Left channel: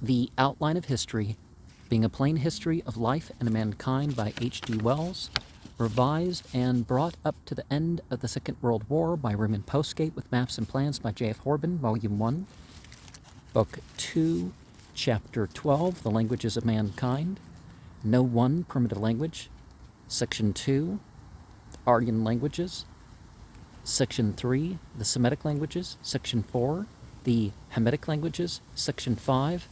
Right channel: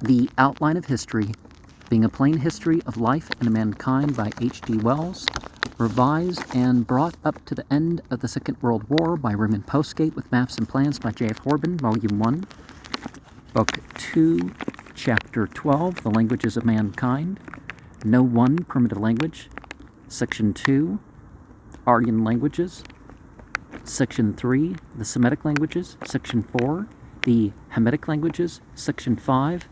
The Outline of History, being a plain history of life and mankind by H.G. Wells, revised and brought up to the end of the Second World War by Raymond Postgate with maps and plans by J.F. Horban, Volume 1, Book 2, Chapter 12, The Languages of Mankind, No One Primitive Language, Section 2, Aryan Languages, Section 3, the Semitic Languages, Section 4, the Hamitic Languages, Section 5,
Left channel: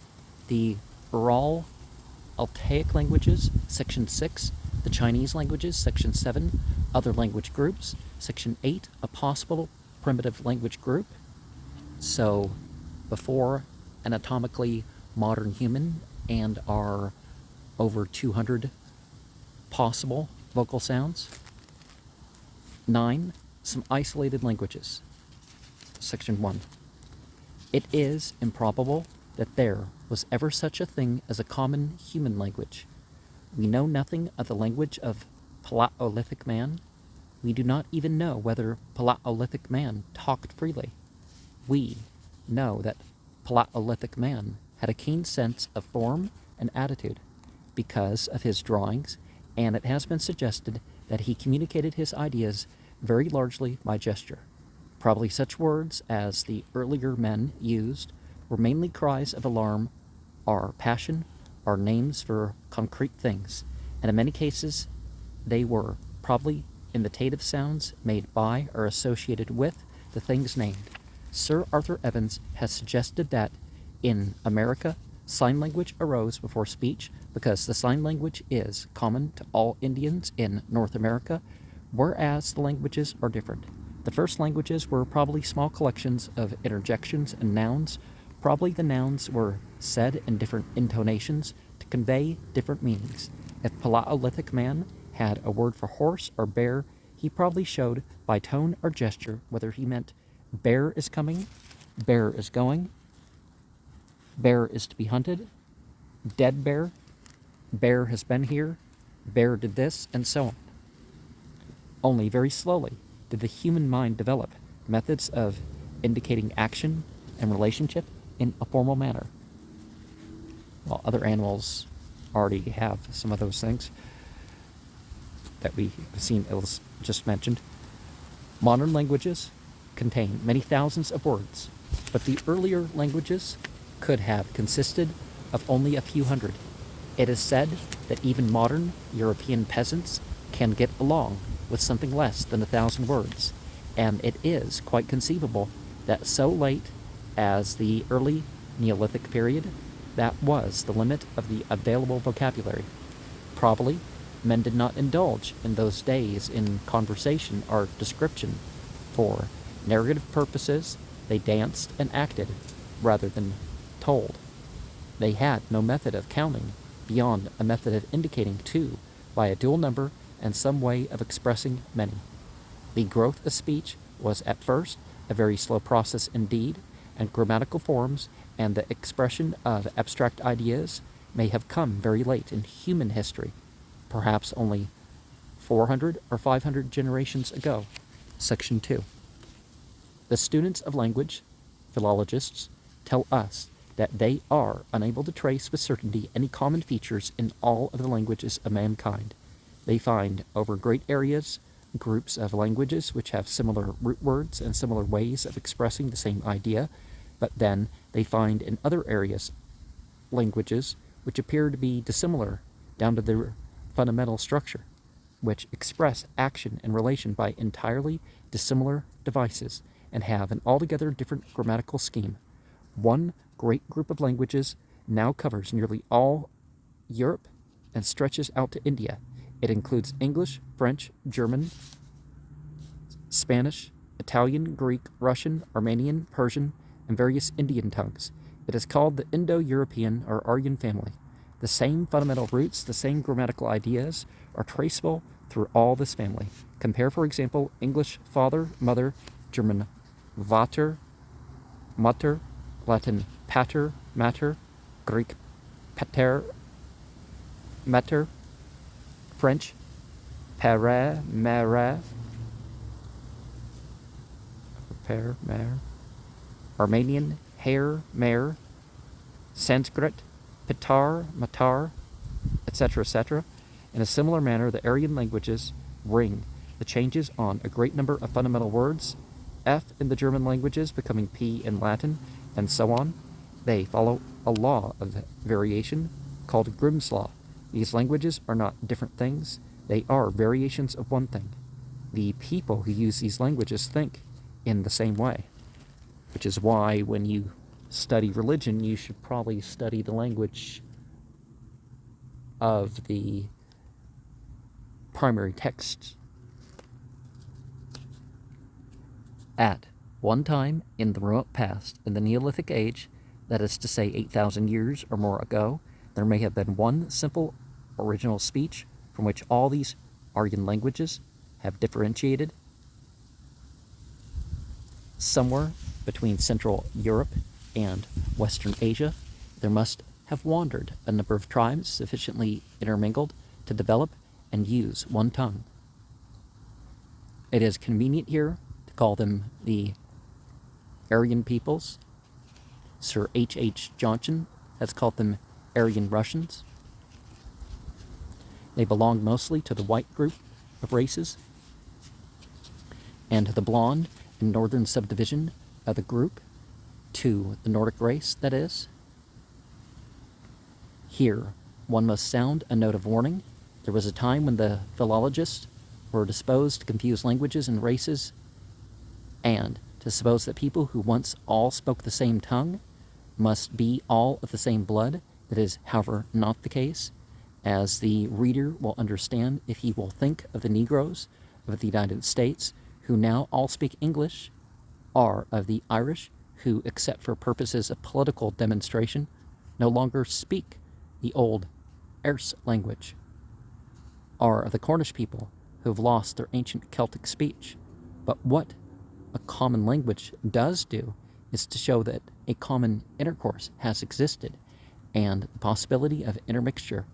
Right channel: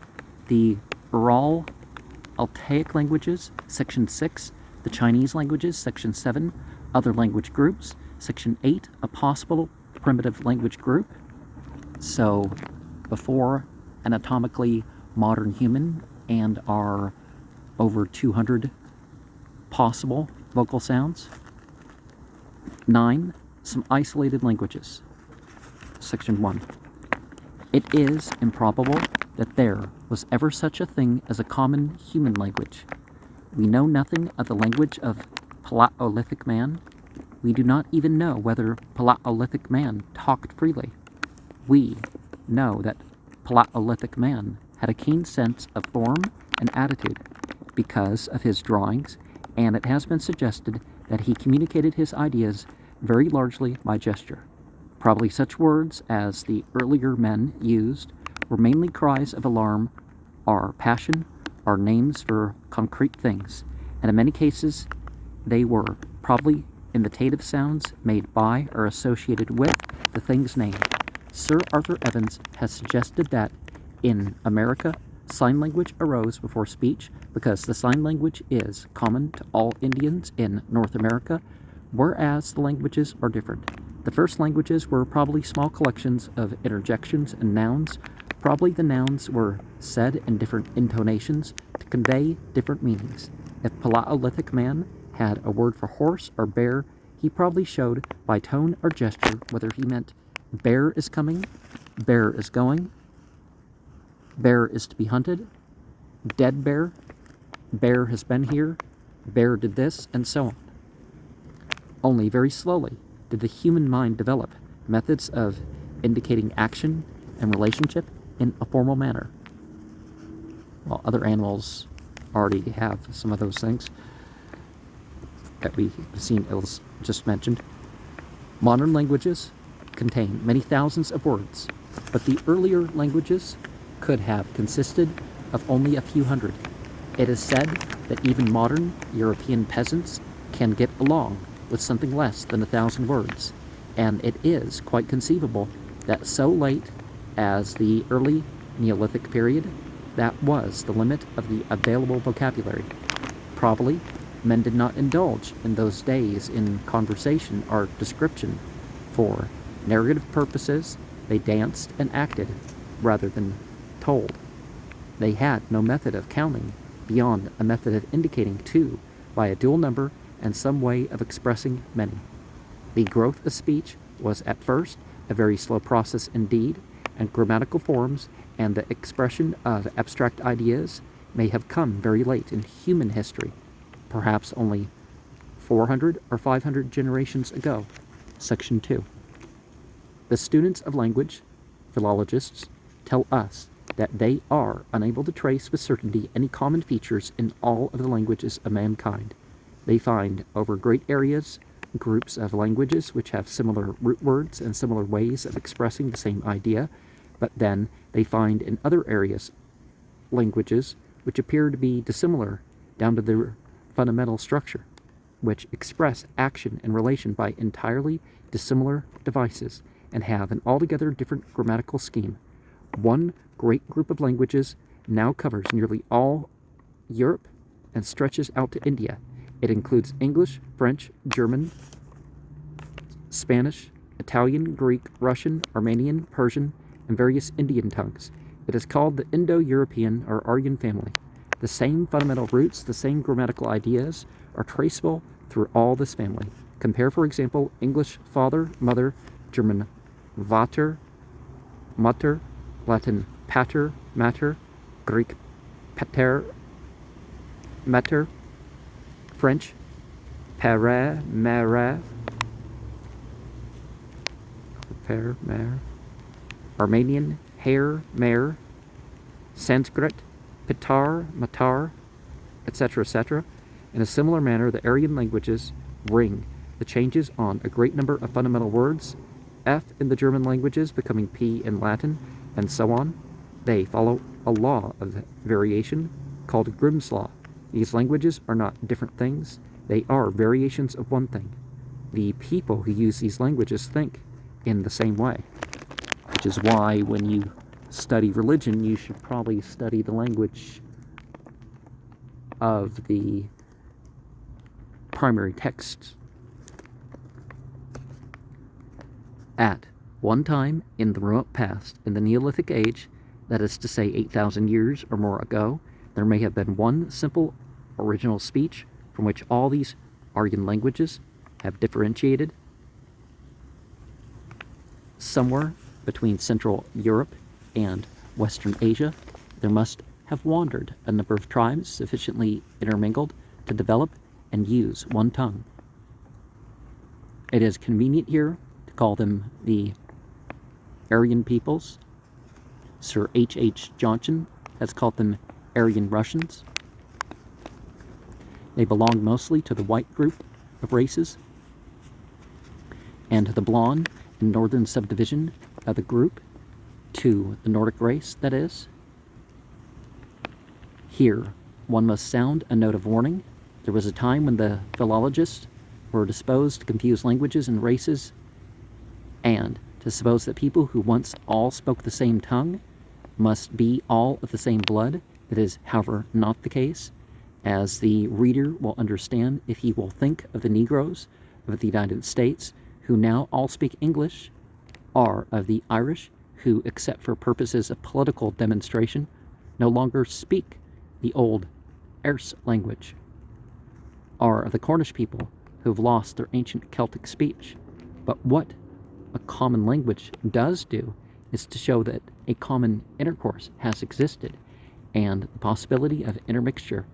the Ural Altaic Languages, Section 6, the Chinese Languages, Section 7, Other Language Groups, Section 8, a possible primitive language group. So, before anatomically modern human and our over 200 possible vocal sounds. 9. Some isolated languages. Section 1. It is improbable that there was ever such a thing as a common human language. We know nothing of the language of Paleolithic man. We do not even know whether Paleolithic man talked freely. We know that Paleolithic man had a keen sense of form and attitude because of his drawings, and it has been suggested that he communicated his ideas very largely by gesture. Probably such words as the earlier men used were mainly cries of alarm or passion or names for concrete things, and in many cases they were probably imitative sounds made by or associated with the things named. Sir Arthur Evans has suggested that in America, sign language arose before speech because the sign language is common to all Indians in North America, whereas the languages are different. The first languages were probably small collections of interjections and nouns. Probably the nouns were said in different intonations to convey different meanings. If Paleolithic man had a word for horse or bear, he probably showed by tone or gesture whether he meant bear is coming, bear is going, bear is to be hunted, dead bear, bear has been here, bear did this, and so on. Only very slowly did the human mind develop methods of indicating action and relationship in a formal manner. While other animals already have some of those things that we've seen just mentioned. Modern languages contain many thousands of words, but the earlier languages could have consisted of only a few hundred. It is said that even modern European peasants can get along with something less than 1,000 words, and it is quite conceivable that so late as the early Neolithic period, that was the limit of the available vocabulary. Probably, men did not indulge in those days in conversation or description. For narrative purposes, they danced and acted rather than told. They had no method of counting beyond a method of indicating two by a dual number and some way of expressing many. The growth of speech was at first a very slow process indeed, and grammatical forms and the expression of abstract ideas may have come very late in human history, perhaps only 400 or 500 generations ago. Section 2. The students of language, philologists, tell us that they are unable to trace with certainty any common features in all of the languages of mankind. They find over great areas groups of languages which have similar root words and similar ways of expressing the same idea, but then they find in other areas languages which appear to be dissimilar down to their fundamental structure, which express action and relation by entirely dissimilar devices and have an altogether different grammatical scheme. One great group of languages now covers nearly all Europe and stretches out to India. It includes English, French, German, Spanish, Italian, Greek, Russian, Armenian, Persian, and various Indian tongues. It is called the Indo-European or Aryan family. The same fundamental roots, the same grammatical ideas are traceable through all this family. Compare, for example, English father, mother, German Vater, Mutter, Latin pater, mater, Greek pater, mater, French pere, mere, pere, mere, Armenian hair, mare, Sanskrit, Pitar, Matar, etc. In a similar manner, the Aryan languages ring the changes on a great number of fundamental words, F in the German languages becoming P in Latin, and so on. They follow a law of variation called Grimm's law. These languages are not different things, they are variations of one thing. The people who use these languages think in the same way, which is why when you study religion, you should probably study the language of the primary texts. At one time in the remote past, in the Neolithic age, that is to say 8,000 years or more ago, there may have been one simple original speech from which all these Aryan languages have differentiated. Somewhere between Central Europe and Western Asia, there must have wandered a number of tribes sufficiently intermingled to develop and use one tongue. It is convenient here to call them the Aryan peoples. Sir H.H. Johnson has called them Aryan Russians. They belong mostly to the white group of races and to the blonde and northern subdivision of the group, to the Nordic race, that is. Here, one must sound a note of warning. There was a time when the philologists were disposed to confuse languages and races, and to suppose that people who once all spoke the same tongue must be all of the same blood. That is, however, not the case, as the reader will understand if he will think of the Negroes of the United States, who now all speak English, or of the Irish, who, except for purposes of political demonstration, no longer speak the old Erse language, or of the Cornish people, who have lost their ancient Celtic speech. But what a common language does do is to show that a common intercourse has existed, and the possibility of intermixture.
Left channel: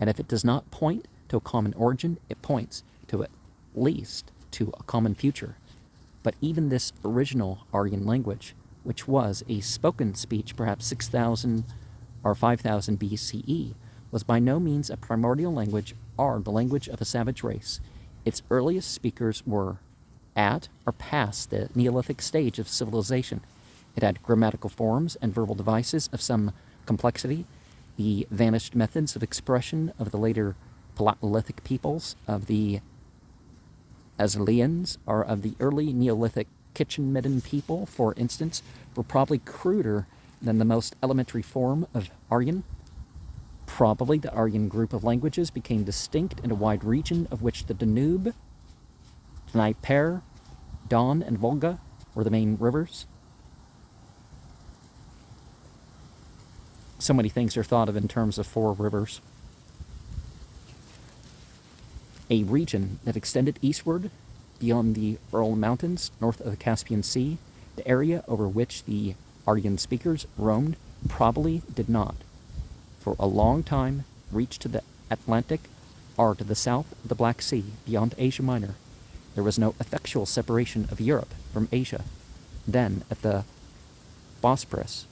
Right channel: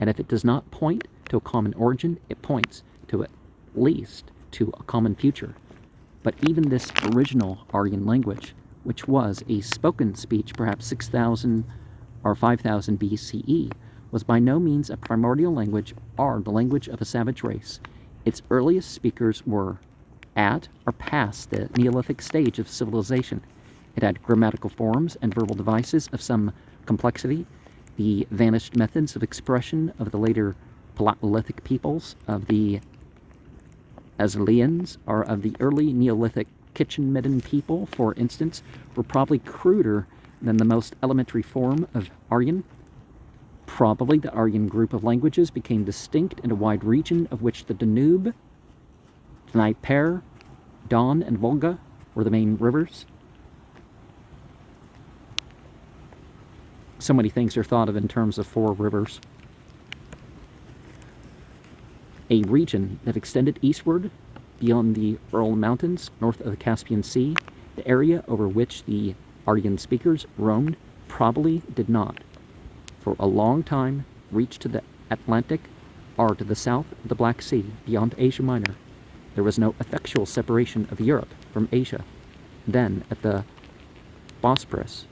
And if it does not point to a common origin, it points to at least to a common future. But even this original Aryan language, which was a spoken speech perhaps 6,000 or 5,000 BCE, was by no means a primordial language or the language of a savage race. Its earliest speakers were at or past the Neolithic stage of civilization. It had grammatical forms and verbal devices of some complexity. The vanished methods of expression of the later Paleolithic peoples, of the Aztelians, or of the early Neolithic kitchen midden people, for instance, were probably cruder than the most elementary form of Aryan. Probably the Aryan group of languages became distinct in a wide region of which the Danube, Dnieper, Don, and Volga were the main rivers. So many things are thought of in terms of 4 rivers. A region that extended eastward beyond the Ural Mountains, north of the Caspian Sea, the area over which the Aryan speakers roamed probably did not, for a long time, reach to the Atlantic or to the south of the Black Sea, beyond Asia Minor. There was no effectual separation of Europe from Asia. Then, at the Bosporus,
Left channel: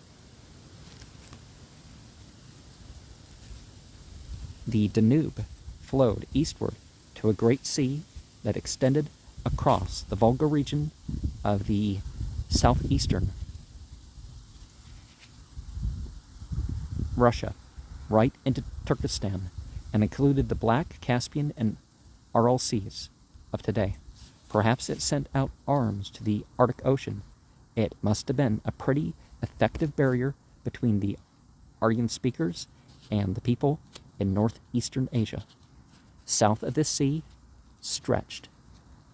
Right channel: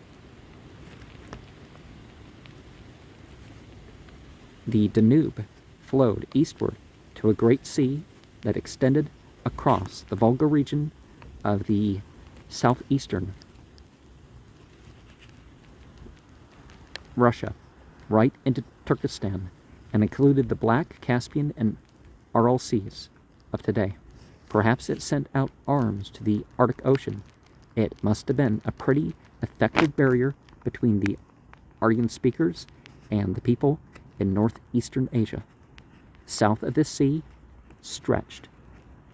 the Danube flowed eastward to a great sea that extended across the Volga region of the southeastern Russia, right into Turkestan, and included the Black, Caspian, and Aral Seas of today. Perhaps it sent out arms to the Arctic Ocean. It must have been a pretty effective barrier between the Aryan speakers and the people in northeastern Asia. South of this sea stretched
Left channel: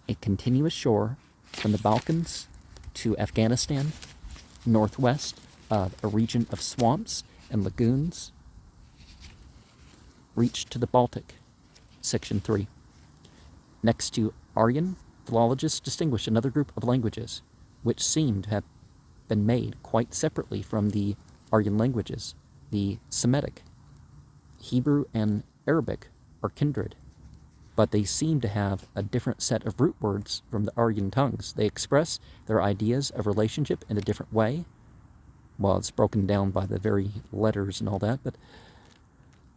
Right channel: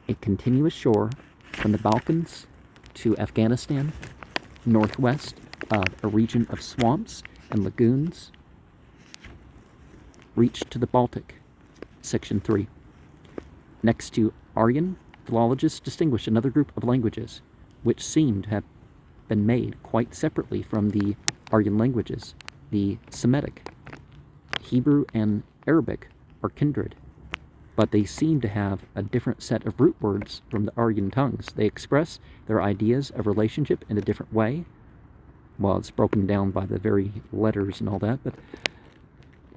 a continuous shore from the Balkans to Afghanistan, northwest of a region of swamps and lagoons, reached to the Baltic. Section 3. Next to Aryan, philologists distinguish another group of languages, which seem to have been made quite separately from the Aryan languages. The Semitic, Hebrew, and Arabic are kindred, but they seem to have a different set of root words from the Aryan tongues. They express their ideas of relationship in a different way. well, it's broken down by the very letters and all that, but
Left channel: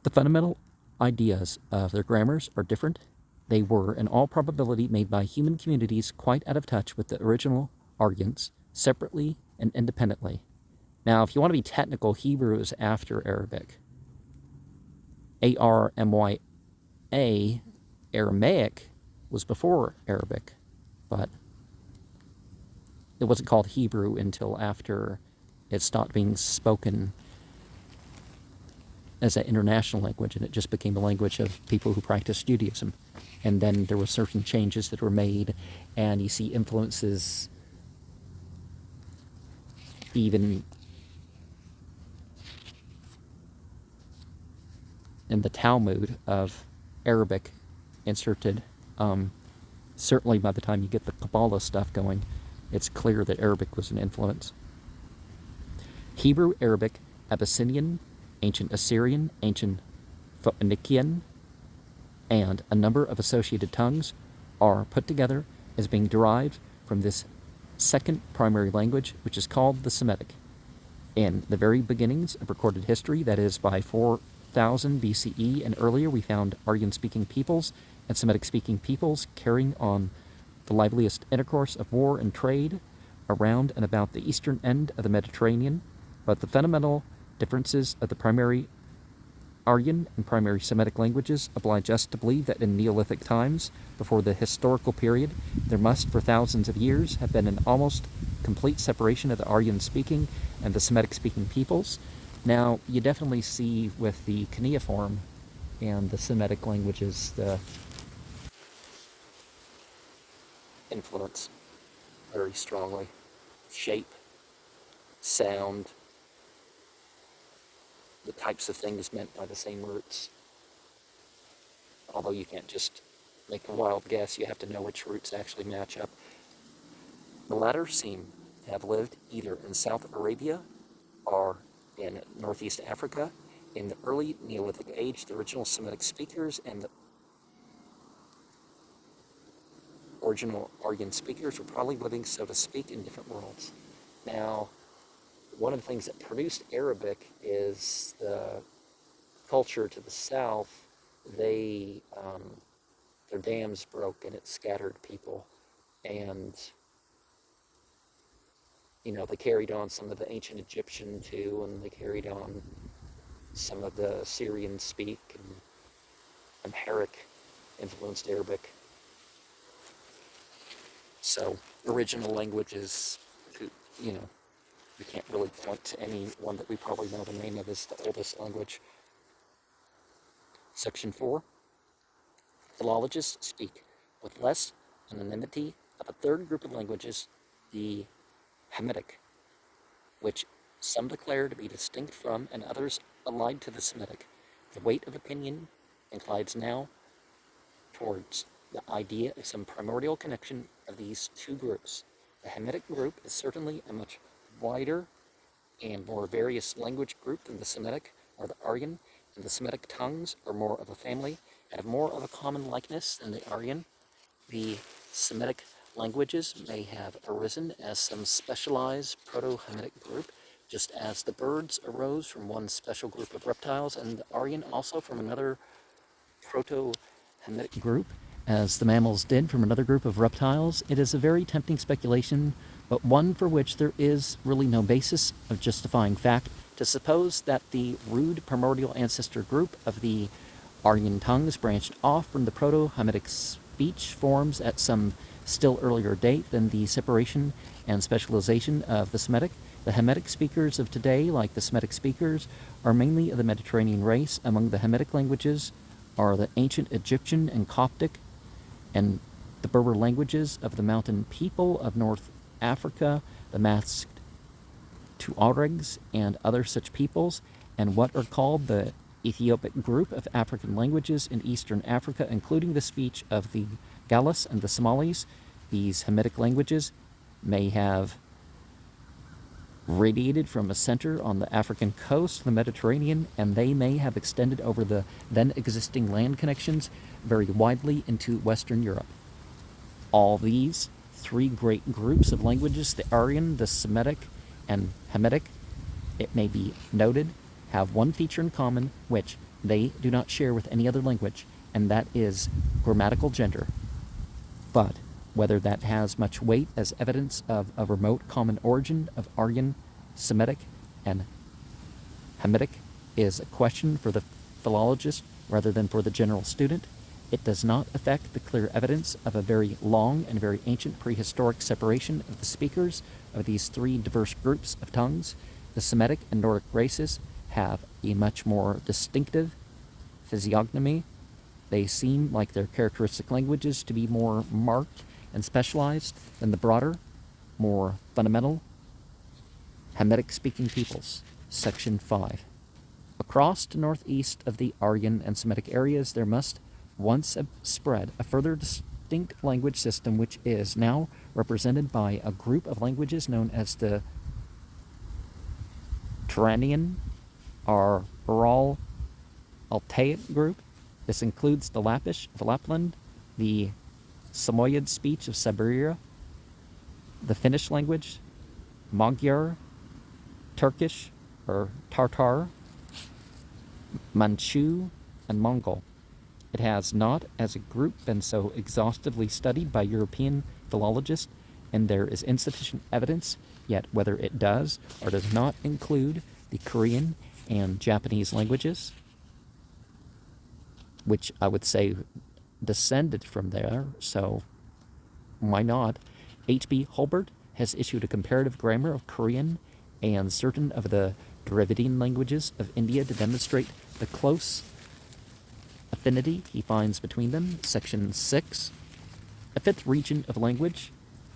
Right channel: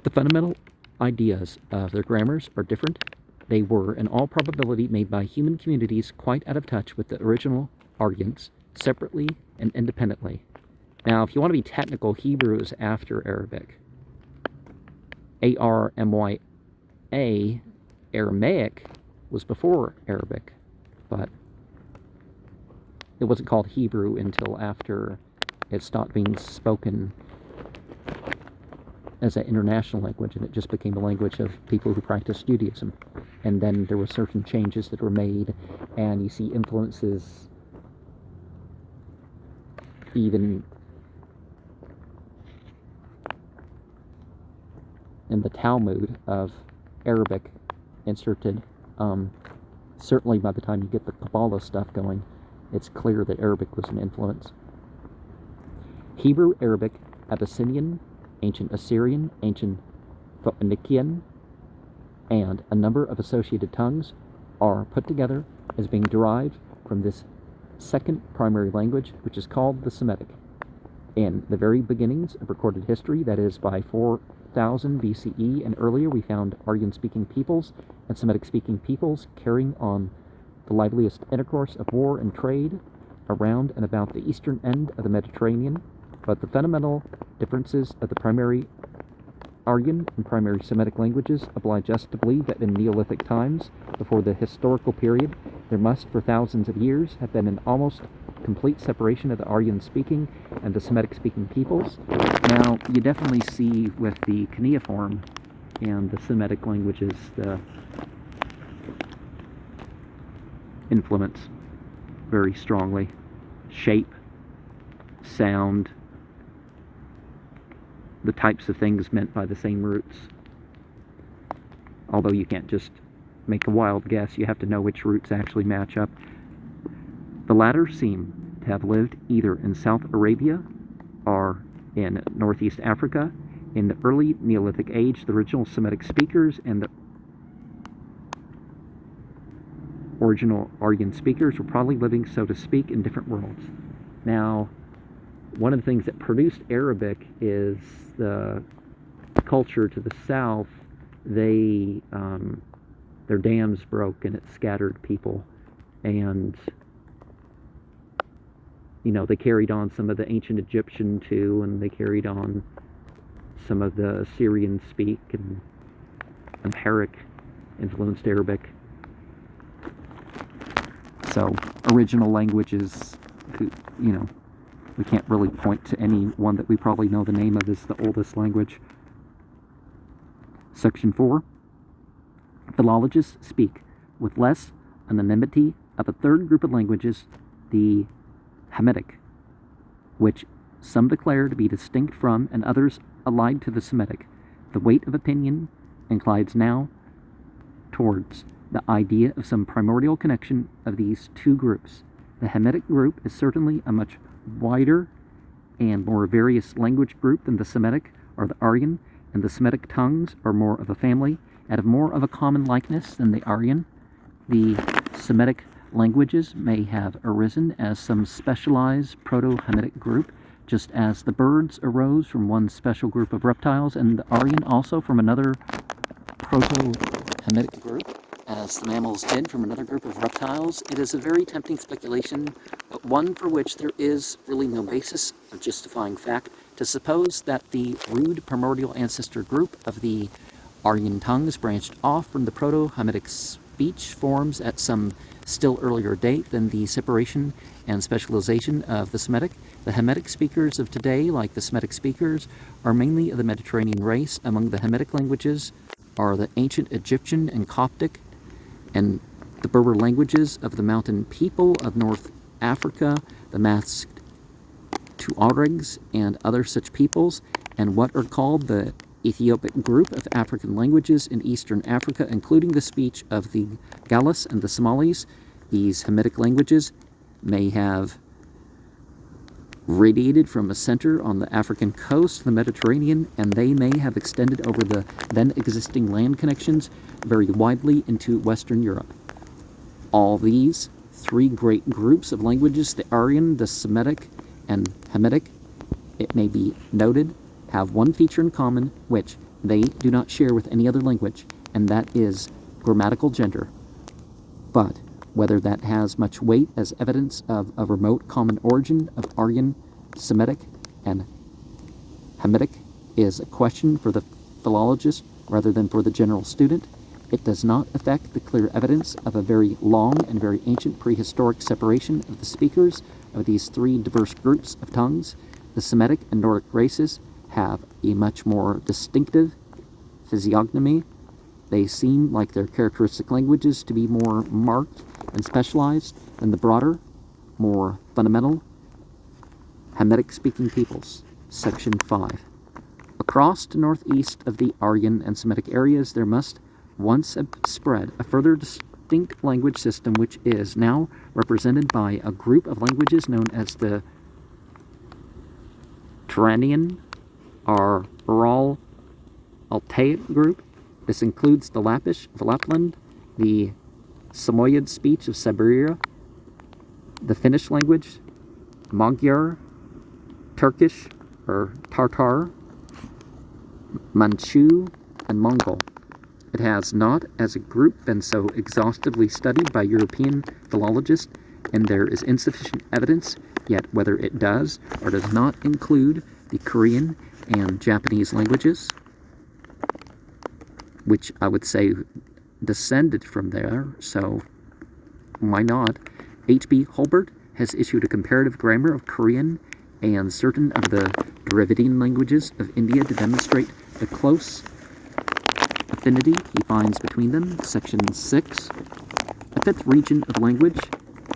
the fundamental ideas of their grammars are different. They were, in all probability, made by human communities quite out of touch with the original Aryans, separately and independently. Now, if you want to be technical, Hebrew is after Arabic. A-R-M-Y-A, Aramaic, was before Arabic, but it wasn't called Hebrew until after it stopped being spoken as an international language, and it just became a language of people who practiced Judaism. And then there were certain changes that were made, and you see influences even in the Talmud of Arabic inserted. Certainly by the time you get the Kabbalah stuff going, it's clear that Arabic was an influence. Hebrew, Arabic, Abyssinian, Ancient Assyrian, Ancient Phoenician, and a number of associated tongues are put together as being derived from this second primary language, which is called the Semitic. In the very beginnings of recorded history, that is by 4000 BCE and earlier, we found Aryan-speaking peoples and Semitic-speaking peoples carrying on the liveliest intercourse of war and trade around and about the eastern end of the Mediterranean, but the fundamental differences of the primary Aryan and primary Semitic languages oblige us to believe that in Neolithic times, before the historical period, there must, for thousands of years, have been an almost complete separation of the Aryan-speaking and the Semitic-speaking peoples. Now, you definitely see with the cuneiform and the Semitic languages the influence very strongly. Shape, sound, the types of things meant by the same roots. Although you can't just make a wild guess, you have to know which roots actually match up. The latter seem to have lived either in South Arabia or in Northeast Africa. In the early Neolithic age, the original Semitic speakers and the original Aryan speakers were probably living, so to speak, in different worlds. Now, one of the things that produced Arabic is the culture to the south. Their dams broke and it scattered people, and they carried on some of the ancient Egyptian too, and they carried on some of the Assyrian speak, and Amharic influenced Arabic. So original languages, we can't really point to any one that we probably know the name of as the oldest language. Section 4. Philologists speak with less anonymity of a third group of languages, the Hamitic, which some declare to be distinct from and others allied to the Semitic. The weight of opinion inclines now towards the idea of some primordial connection of these two groups. The Hamitic group is certainly a much wider and more various language group than the Semitic or the Aryan, and the Semitic tongues are more of a family and have more of a common likeness than the Aryan. The Semitic languages may have arisen as some specialized Proto-Hamitic group, just as the birds arose from one special group of reptiles, and the Aryan also from another Proto-Hamitic group, as the mammals did from another group of reptiles. It is a very tempting speculation, but one for which there is really no basis of justifying fact, to suppose that the rude primordial ancestor group of the Aryan tongues branched off from the Proto-Hamitic speech forms at some still earlier date than the separation and specialization of the Semitic. The Hamitic speakers of today, like the Semitic speakers, are mainly of the Mediterranean race. Among the Hamitic languages are the ancient Egyptian and Coptic, and the Berber languages of the mountain people of North Africa, the masked Tuaregs, and other such peoples, and what are called the Ethiopic group of African languages in Eastern Africa, including the speech of the Gallas and the Somalis. These Hamitic languages may have radiated from a center on the African coast of the Mediterranean, and they may have extended over the then existing land connections very widely into Western Europe. All these three great groups of languages, the Aryan, the Semitic, and Hamitic, it may be noted, have one feature in common which they do not share with any other language, and that is grammatical gender. But whether that has much weight as evidence of a remote common origin of Aryan, Semitic, and Hamitic is a question for the philologist rather than for the general student. It does not affect the clear evidence of a very long and very ancient prehistoric separation of the speakers of these three diverse groups of tongues. The Semitic and Nordic races have a much more distinctive physiognomy. They seem like their characteristic languages to be more marked and specialized than the broader, more fundamental Hamitic-speaking peoples. Section 5. Across to northeast of the Aryan and Semitic areas, there must once have spread a further distinct language system which is now represented by a group of languages known as the Turanian or Ural Altaic group. This includes the Lappish of Lapland, the Samoyed speech of Siberia, the Finnish language, Magyar, Turkish or Tartar, Manchu, and Mongol. It has not, as a group, been so exhaustively studied by European philologists, and there is insufficient evidence yet whether it does or does not include the Korean and Japanese languages, which I would say descended from there, so why not? H.B. Hulbert has issued a comparative grammar of Korean and certain of the Dravidian languages of India to demonstrate the close affinity he finds between them. Section 6. A fifth region of language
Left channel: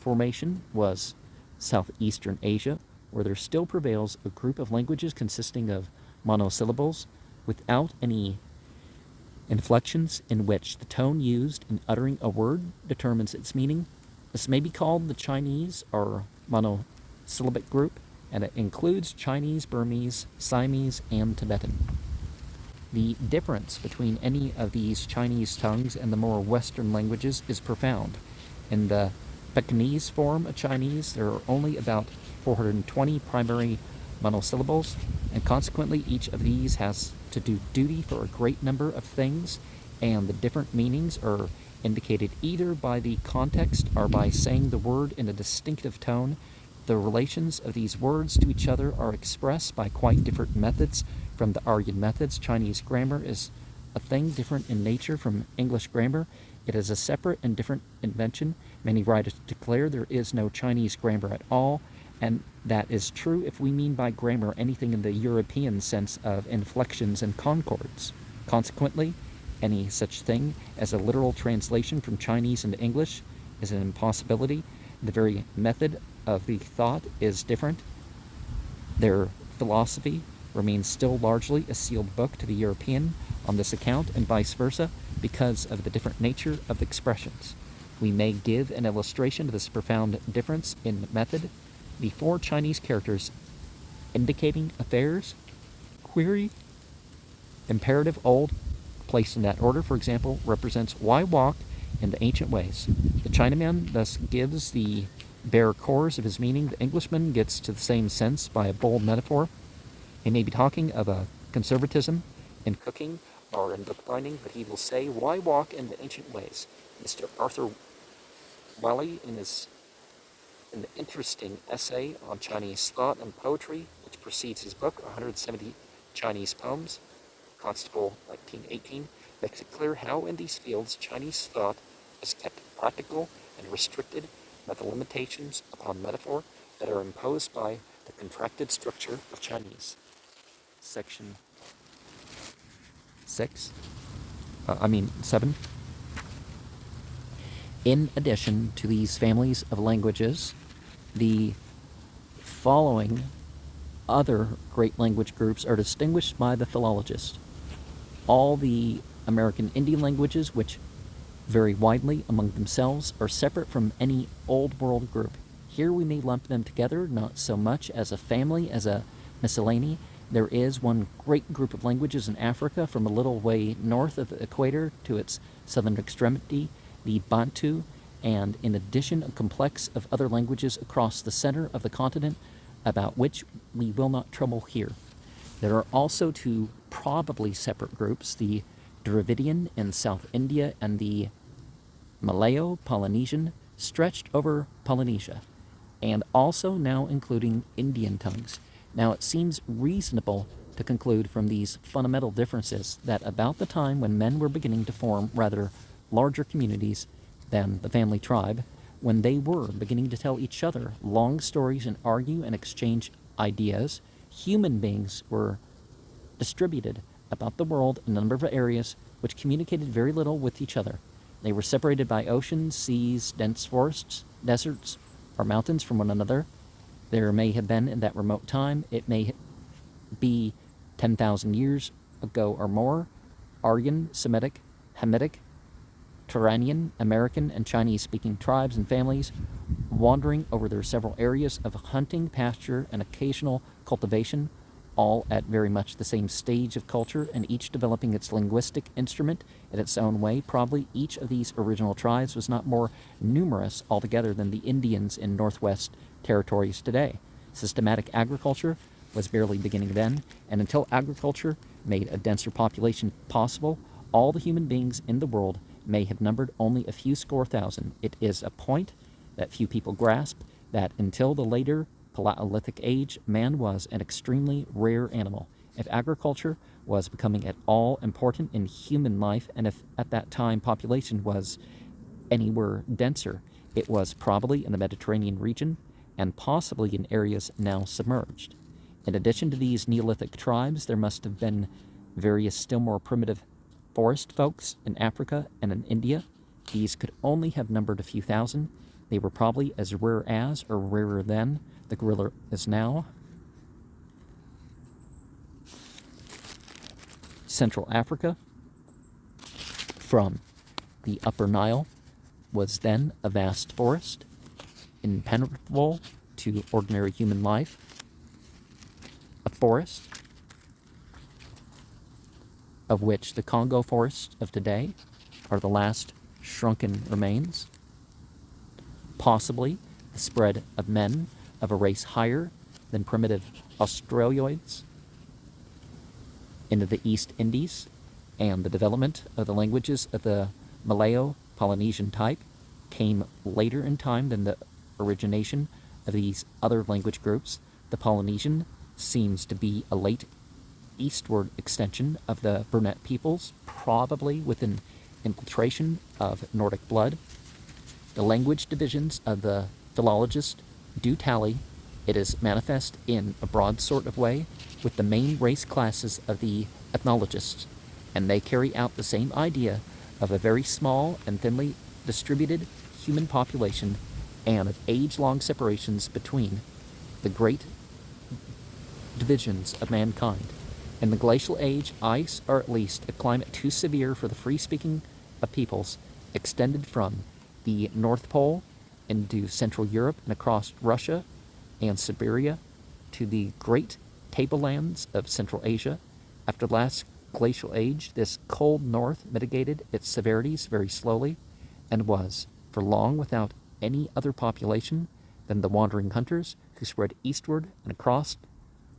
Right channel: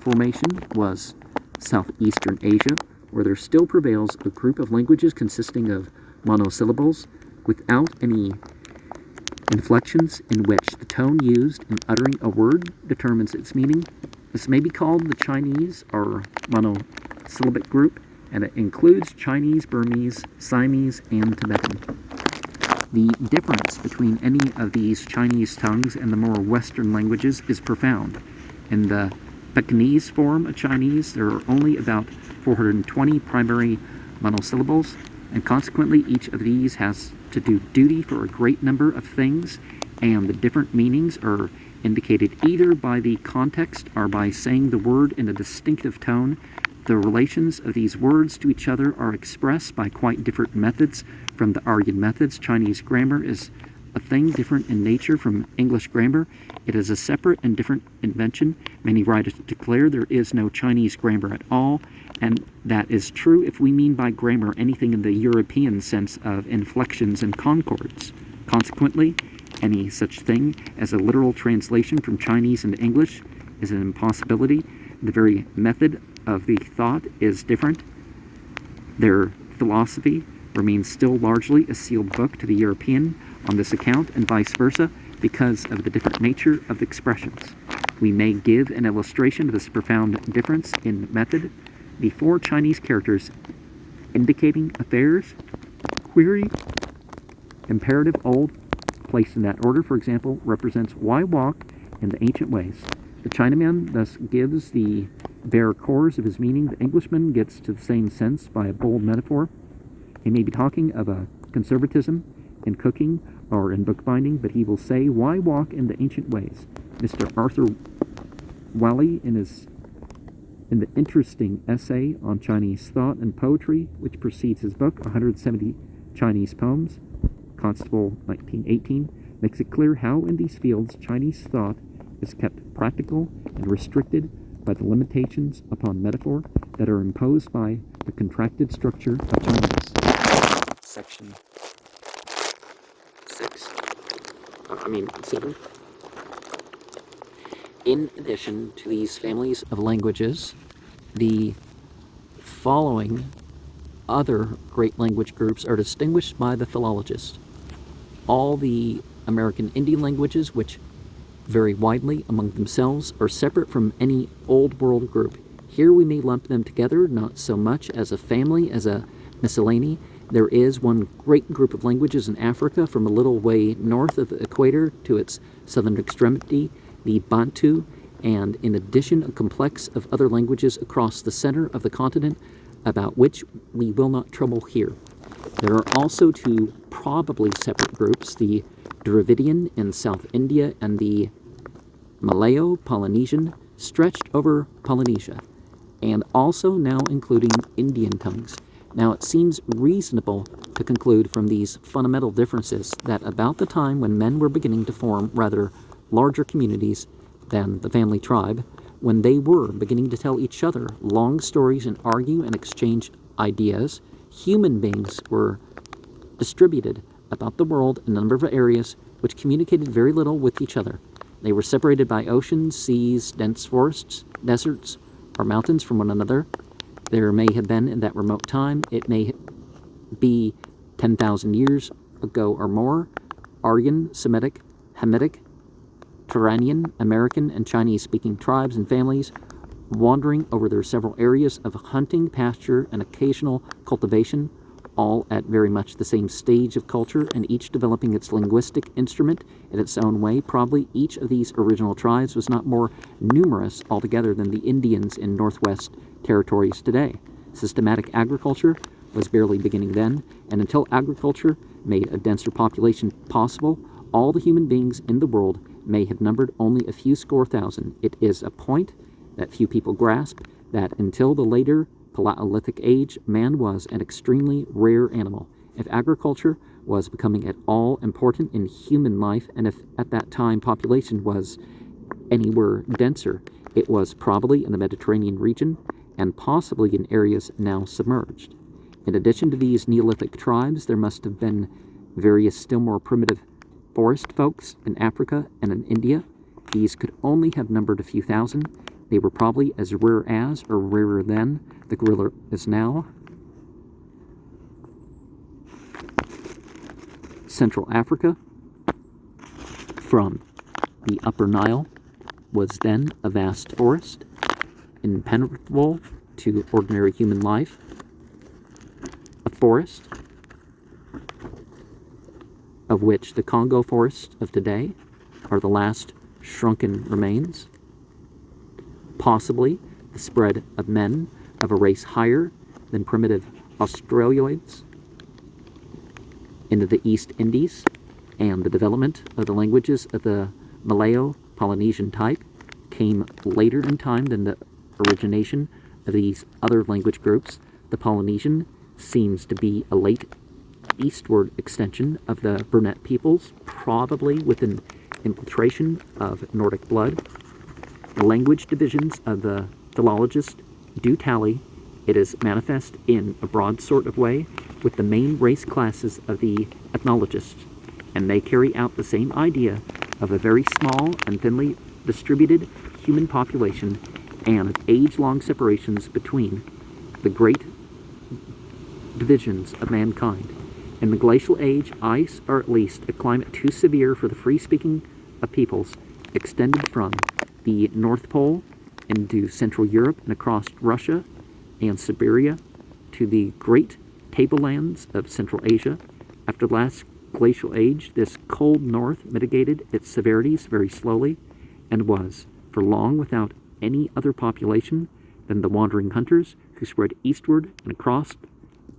formation was southeastern Asia, where there still prevails a group of languages consisting of monosyllables without any inflections, in which the tone used in uttering a word determines its meaning. This may be called the Chinese or monosyllabic group, and it includes Chinese, Burmese, Siamese, and Tibetan. The difference between any of these Chinese tongues and the more Western languages is profound. In the Pekingese form of Chinese, there are only about 420 primary monosyllables, and consequently each of these has to do duty for a great number of things, and the different meanings are indicated either by the context or by saying the word in a distinctive tone. The relations of these words to each other are expressed by quite different methods from the Aryan methods. Chinese grammar is a thing different in nature from English grammar. It is a separate and different invention. Many writers declare there is no Chinese grammar at all, and that is true if we mean by grammar anything in the European sense of inflections and concords. Consequently, any such thing as a literal translation from Chinese into English is an impossibility. The very method of the thought is different. Their philosophy remains still largely a sealed book to the European on this account, and vice versa, because of the different nature of the expressions. We may give an illustration of this profound difference in method. The four Chinese characters indicating affairs, query, imperative old, placed in that order, for example, represents why walk in the ancient ways. The Chinaman thus gives the bare cores of his meaning. The Englishman gets to the same sense by a bold metaphor. He may be talking of a conservatism in cooking or in bookbinding, but he will say, why walk in the ancient ways? Mr. Arthur Wallis, in the interesting essay on Chinese thought and poetry, which precedes his book, 170 Chinese Poems, Constable, 1918, makes it clear how in these fields Chinese thought is kept practical and restricted by the limitations upon metaphor that are imposed by the contracted structure of Chinese. Section 7. In addition to these families of languages, the following other great language groups are distinguished by the philologist. All the American Indian languages, which vary widely among themselves, are separate from any Old World group. Here we may lump them together, not so much as a family as a miscellany. There is one great group of languages in Africa from a little way north of the equator to its southern extremity, the Bantu, and in addition a complex of other languages across the center of the continent, about which we will not trouble here. There are also two probably separate groups, the Dravidian in South India and the Malayo-Polynesian stretched over Polynesia, and also now including Indian tongues. Now it seems reasonable to conclude from these fundamental differences that about the time when men were beginning to form rather larger communities than the family tribe, when they were beginning to tell each other long stories and argue and exchange ideas, human beings were distributed about the world in a number of areas which communicated very little with each other. They were separated by oceans, seas, dense forests, deserts, or mountains from one another. There may have been, in that remote time, it may be 10,000 years ago or more, Aryan, Semitic, Hamitic, Turanian, American, and Chinese-speaking tribes and families wandering over their several areas of hunting, pasture, and occasional cultivation, all at very much the same stage of culture and each developing its linguistic instrument in its own way. Probably each of these original tribes was not more numerous altogether than the Indians in Northwest Territories today. Systematic agriculture was barely beginning then, and until agriculture made a denser population possible, all the human beings in the world may have numbered only a few score thousand. It is a point that few people grasp that until the later Paleolithic age, man was an extremely rare animal. If agriculture was becoming at all important in human life, and if at that time population was anywhere denser, it was probably in the Mediterranean region and possibly in areas now submerged. In addition to these Neolithic tribes, there must have been various still more primitive forest folks in Africa and in India. These could only have numbered a few thousand. They were probably as rare as, or rarer than, the gorilla is now. Central Africa, from the Upper Nile, was then a vast forest, impenetrable to ordinary human life. A forest of which the Congo forests of today are the last shrunken remains. Possibly the spread of men of a race higher than primitive Australoids into the East Indies, and the development of the languages of the Malayo-Polynesian type came later in time than the origination of these other language groups. The Polynesian seems to be a late eastward extension of the Brunette peoples, probably with an infiltration of Nordic blood. The language divisions of the philologists do tally. It is manifest in a broad sort of way with the main race classes of the ethnologists, and they carry out the same idea of a very small and thinly distributed human population and of age-long separations between the great divisions of mankind. In the glacial age, ice, or at least a climate too severe for the free-speaking of peoples, extended from the North Pole into Central Europe and across Russia and Siberia to the great tablelands of Central Asia. After the last glacial age, this cold north mitigated its severities very slowly and was, for long, without any other population than the wandering hunters who spread eastward and across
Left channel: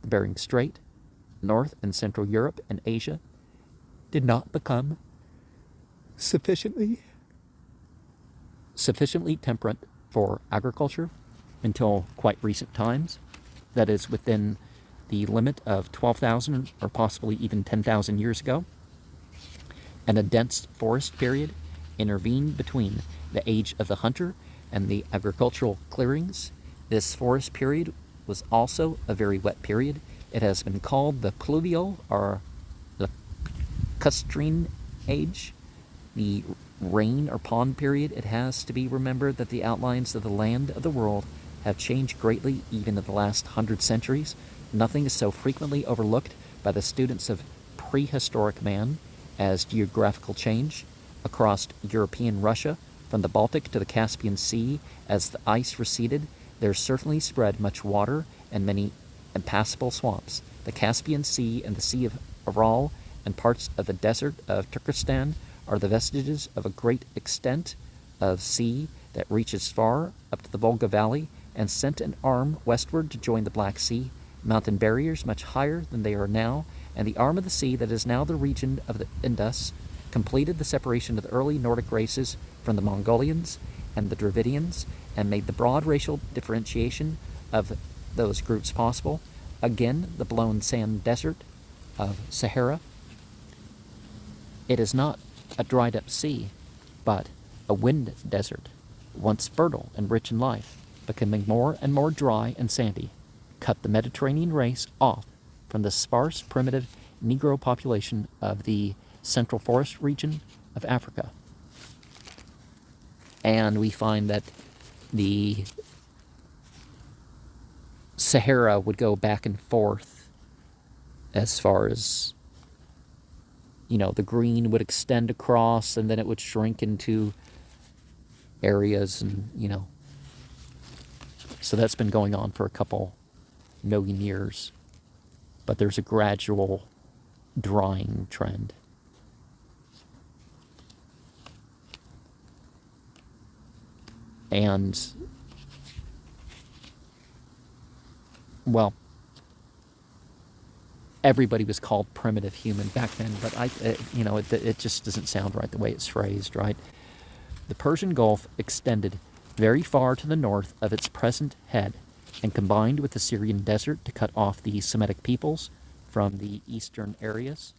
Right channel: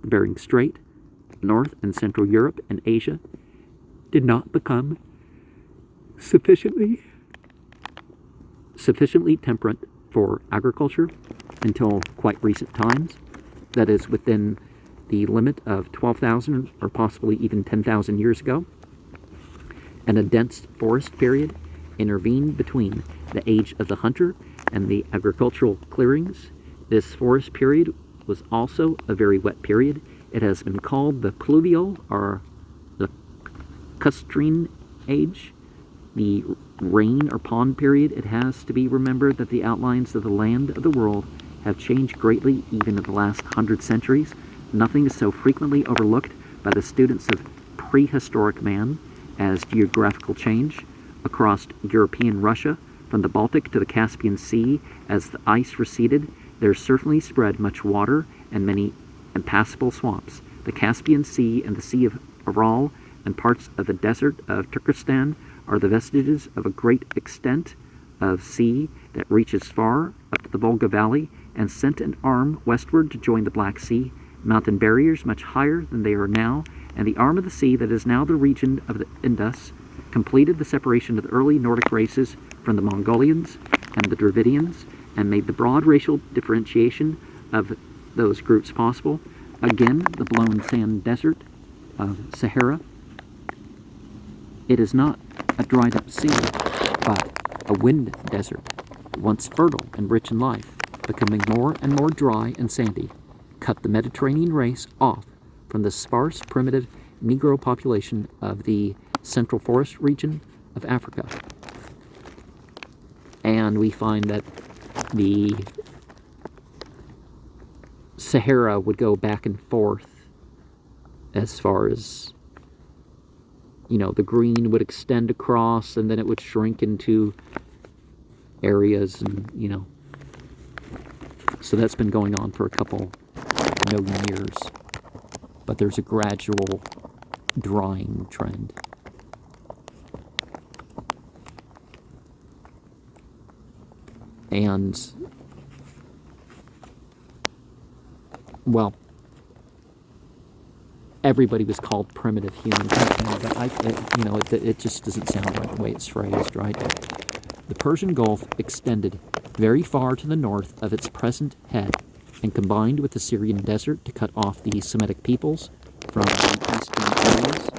the Bering Strait. North and Central Europe and Asia did not become sufficiently temperate for agriculture until quite recent times, that is within the limit of 12,000 or possibly even 10,000 years ago, and a dense forest period intervened between the age of the hunter and the agricultural clearings. This forest period was also a very wet period. It has been called the pluvial or lacustrine age. The rain or pond period, it has to be remembered that the outlines of the land of the world have changed greatly even in the last 100 centuries. Nothing is so frequently overlooked by the students of prehistoric man as geographical change. Across European Russia, from the Baltic to the Caspian Sea, as the ice receded, there certainly spread much water and many impassable swamps. The Caspian Sea and the Sea of Aral and parts of the desert of Turkestan are the vestiges of a great extent of sea that reaches far up to the Volga Valley and sent an arm westward to join the Black Sea, mountain barriers much higher than they are now, and the arm of the sea that is now the region of the Indus, completed the separation of the early Nordic races from the Mongolians and the Dravidians, and made the broad racial differentiation of those groups possible. Again, the blown sand desert of Sahara. It is not a dried up sea, but a wind desert, once fertile and rich in life, becoming more and more dry and sandy, cut the Mediterranean race off from the sparse, primitive Negro population of the Central Forest region of Africa. And we find that the Sahara would go back and forth as far as, the green would extend across, and then it would shrink into areas, and, so that's been going on for a couple million years. But there's a gradual drying trend. And, well, everybody was called primitive human back then, but it just doesn't sound right the way it's phrased, right? The Persian Gulf extended very far to the north of its present head and combined with the Syrian desert to cut off the Semitic peoples from the eastern areas,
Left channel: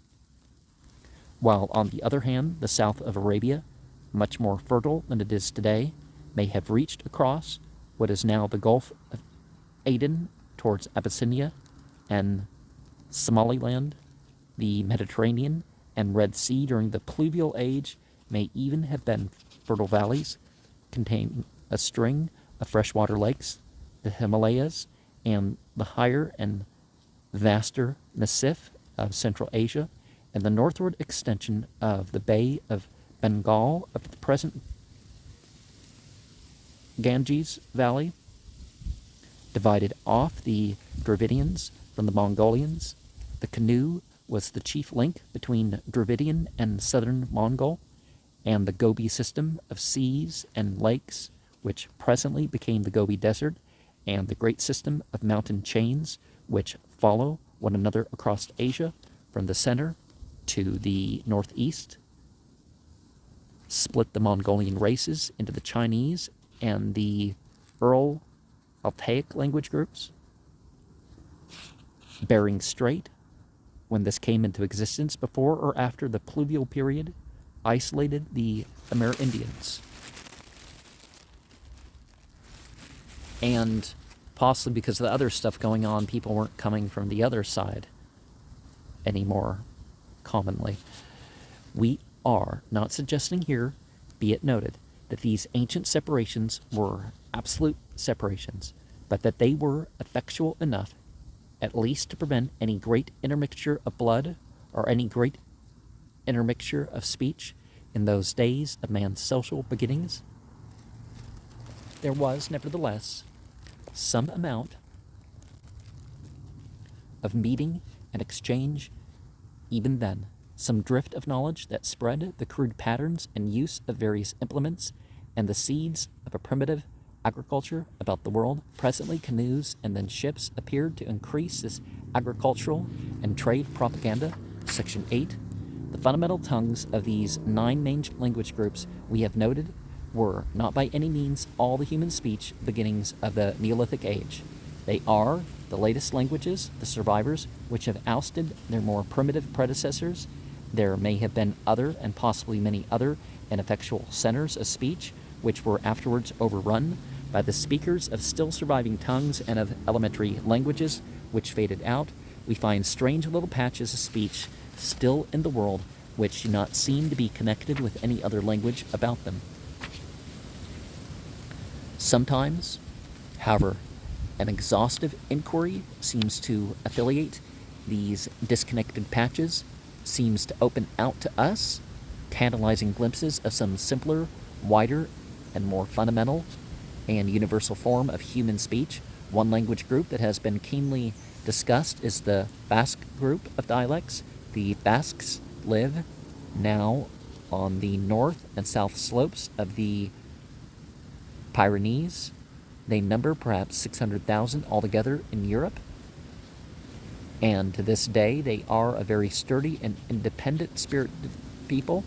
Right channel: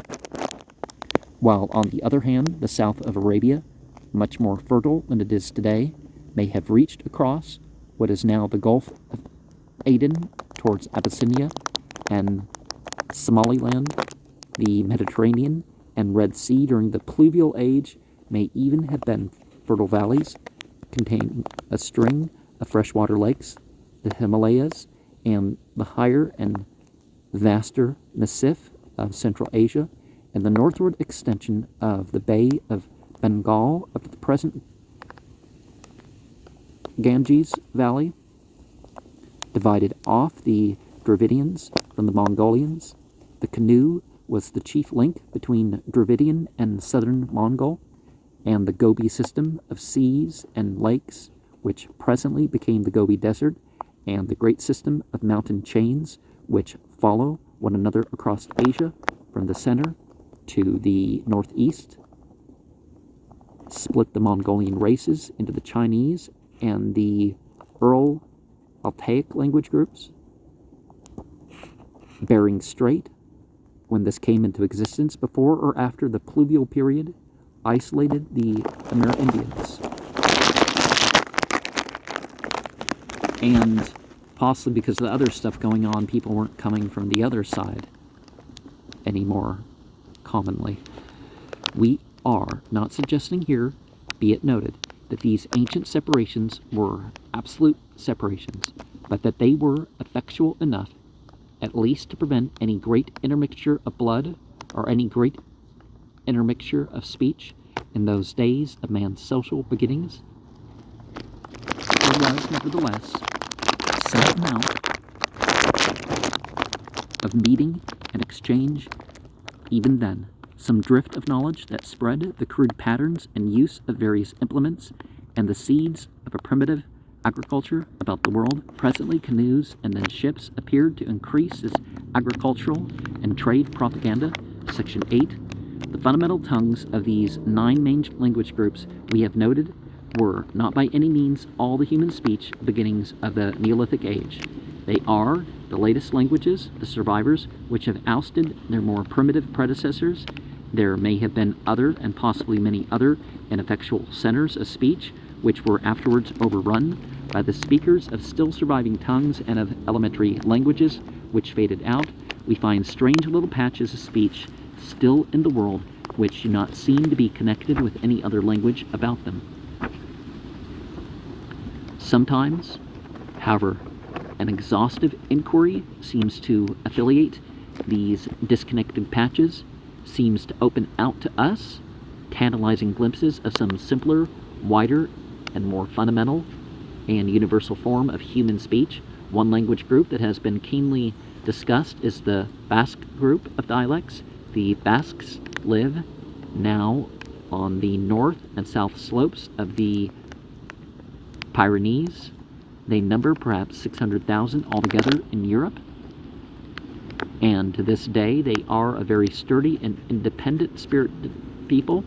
while on the other hand, the south of Arabia, much more fertile than it is today, may have reached across what is now the Gulf of Aden towards Abyssinia and Somaliland. The Mediterranean and Red Sea during the pluvial age may even have been fertile valleys containing a string of freshwater lakes, the Himalayas, and the higher and vaster Massif of Central Asia, and the northward extension of the Bay of Bengal of the present Ganges Valley, divided off the Dravidians from the Mongolians. The canoe was the chief link between Dravidian and southern Mongol, and the Gobi system of seas and lakes, which presently became the Gobi Desert, and the great system of mountain chains, which follow one another across Asia from the center to the northeast, split the Mongolian races into the Chinese and the Ural-Altaic language groups. Bering Strait, when this came into existence, before or after the pluvial period, isolated the Amerindians. And possibly because of the other stuff going on, people weren't coming from the other side anymore commonly. We are not suggesting here, be it noted, that these ancient separations were absolute separations, but that they were effectual enough at least to prevent any great intermixture of blood or any great intermixture of speech in those days of man's social beginnings. There was, nevertheless, some amount of meeting and exchange even then, some drift of knowledge that spread the crude patterns and use of various implements and the seeds of a primitive agriculture about the world. Presently, canoes and then ships appeared to increase this agricultural and trade propaganda. Section 8. The fundamental tongues of these 9 main language groups we have noted were not by any means all the human speech beginnings of the Neolithic age. They are the latest languages, the survivors, which have ousted their more primitive predecessors. There may have been other and possibly many other ineffectual centers of speech which were afterwards overrun by the speakers of still surviving tongues and of elementary languages which faded out. We find strange little patches of speech still in the world which do not seem to be connected with any other language about them. Sometimes, however, an exhaustive inquiry seems to affiliate these disconnected patches, seems to open out to us tantalizing glimpses of some simpler, wider, and more fundamental and universal form of human speech. One language group that has been keenly discussed is the Basque group of dialects. The Basques live now on the north and south slopes of the Pyrenees, They number perhaps 600,000 altogether in Europe, and to this day they are a very sturdy and independent spirited people.